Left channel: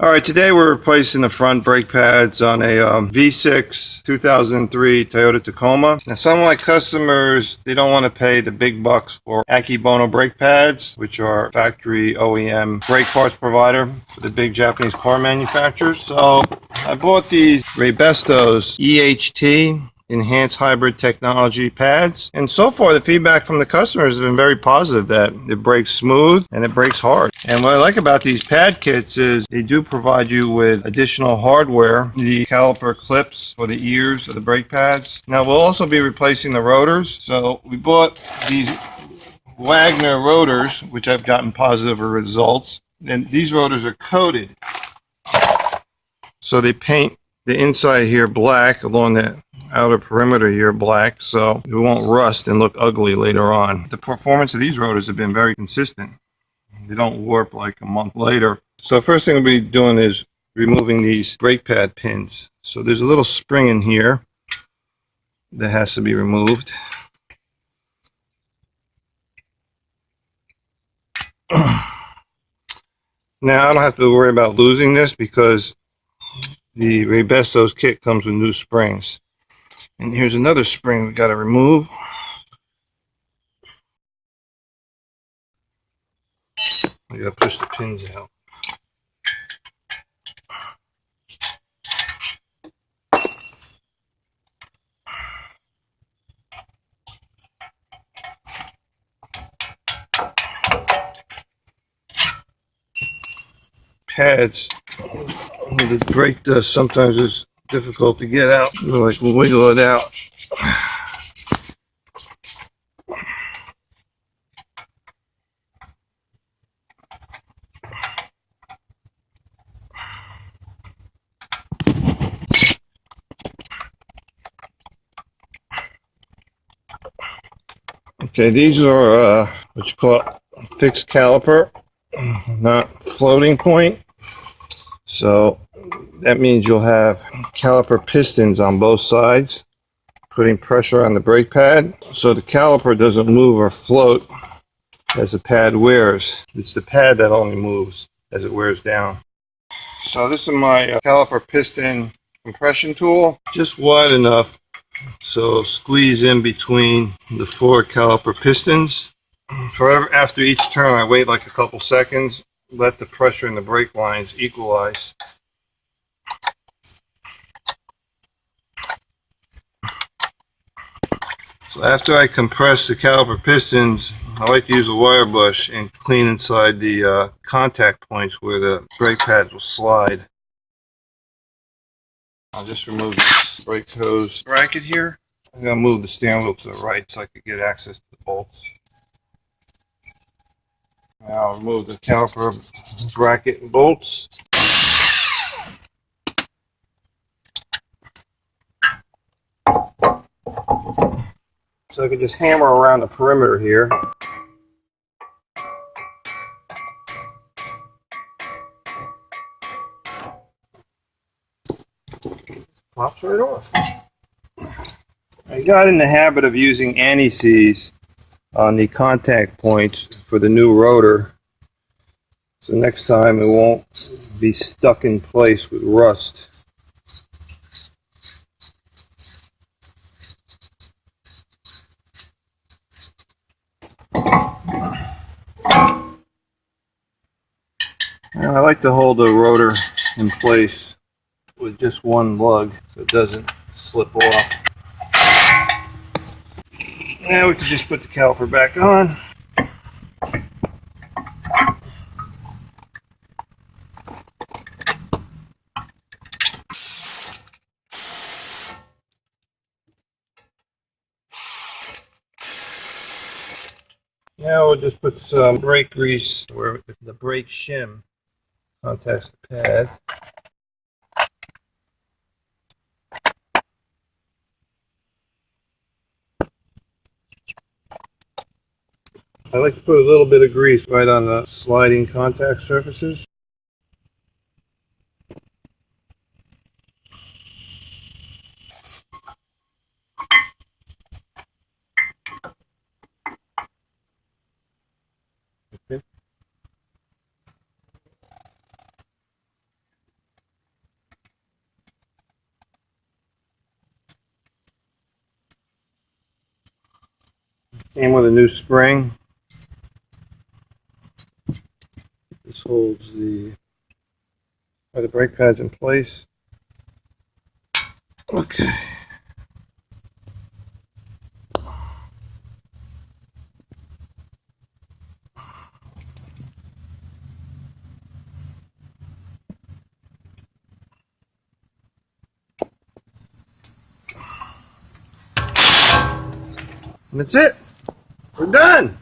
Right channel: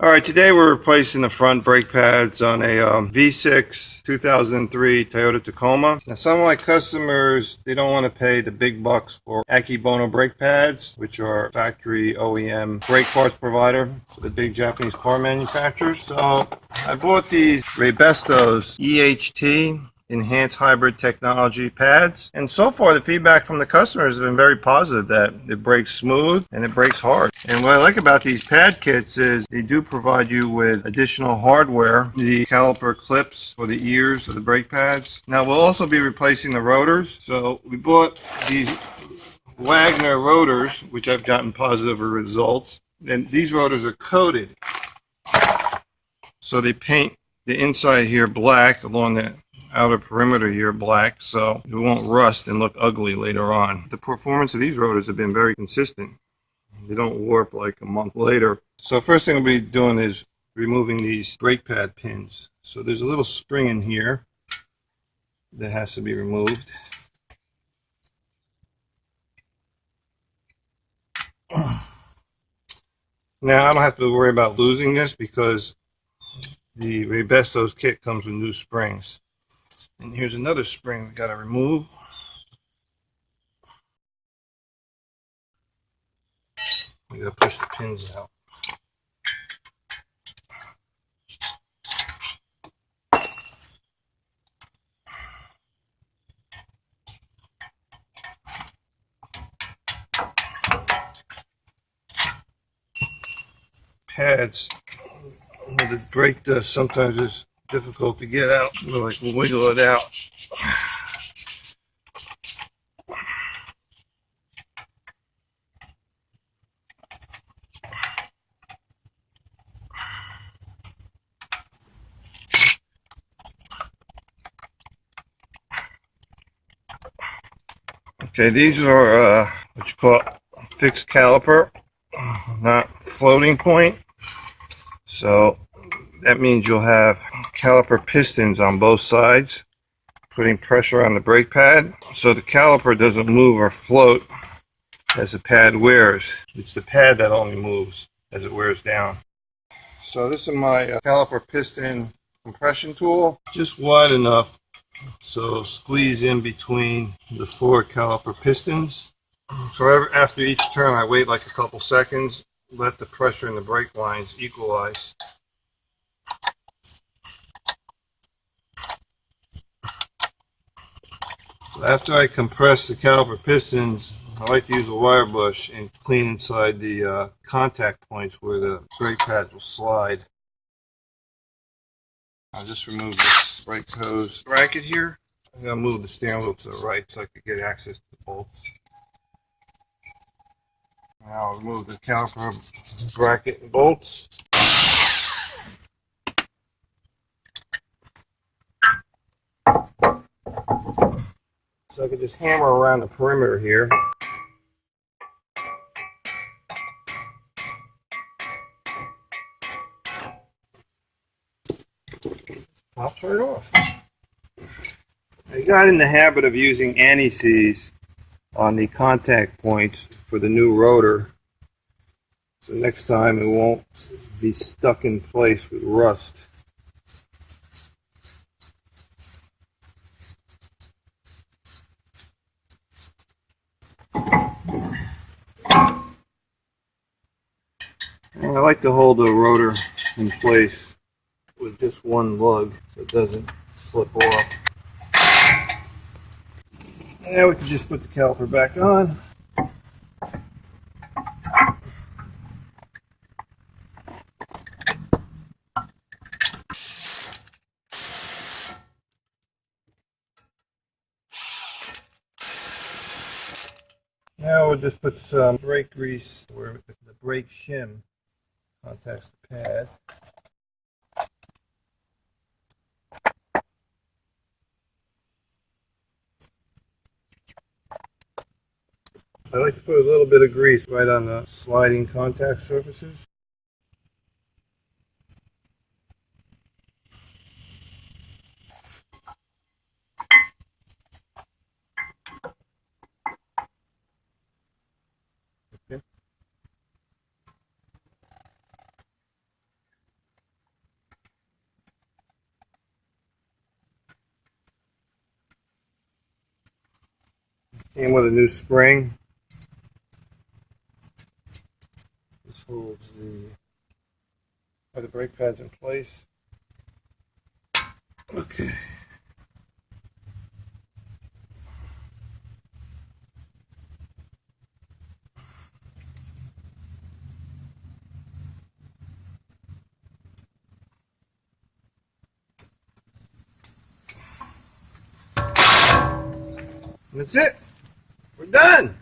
Alright, today we're replacing the front brake pads on a V6 2003 Toyota Tacoma. Now some of my customers, they don't want to pay the big bucks for Akebono brake pads, which are factory OEM brake parts provider for the big Japanese car manufacturers. So I bought these Raybestos EHT enhanced hybrid technology pads, and so far the feedback from the customers has been very positive, that it brakes smooth and it brakes hard. And what I like about these pad kits is they do provide you with additional hardware, the caliper clips for the ears of the brake pads. Now we'll also be replacing the rotors, so we bought these Wagner rotors, which I've gotten positive results, and these rotors are coated, so they paint the inside here black along the outer perimeter here black, so it won't rust and look ugly later on. The performance of these rotors have been very consistent. They don't warp like a month later. So first thing we'll be doing is removing these brake pad pins. So there's a little spring in here that has to be removed. Now I don't have to worry about losing this because the Raybestos kit comes with new springs. And here's another spring we got to remove. We got to push the pins out. Pads, the brake dust sometimes is difficult to get out. Like we'll wiggle it out. Okay, these are what you call fixed caliper, not floating point. So that means you'll have caliper pistons on both sides, putting pressure on the brake pad, so the caliper doesn't move or float as the pad wears. It's the pad that only moves as it wears down. So this is my caliper piston compression tool, just wide enough so squeeze in between the four caliper pistons. After each turn I wait like a couple seconds, let the pressure in the brake lines equalize. So after I compress the caliper pistons, I like to use a wire brush and clean inside the contact points where the brake pads will slide. I'll just remove this brake hose bracket here. I'm going to move the steering wheel to the right so I can get access to the bolts. Now I'll remove the caliper bracket and bolts. So I can just hammer around the perimeter here. Pops right off. I got in the habit of using anti-seize on the contact points for the new rotor, so next time it won't be stuck in place with rust. And I like to hold the rotor in place with just one lug so it doesn't slip off. Now we can just put the caliper back on. Now we'll just put some brake grease where the brake shim contacts the pad. I like to put a little bit of grease right on the sliding contact surfaces. Okay. Came with a new spring. This holds the brake pads in place. Okay. And that's it. We're done.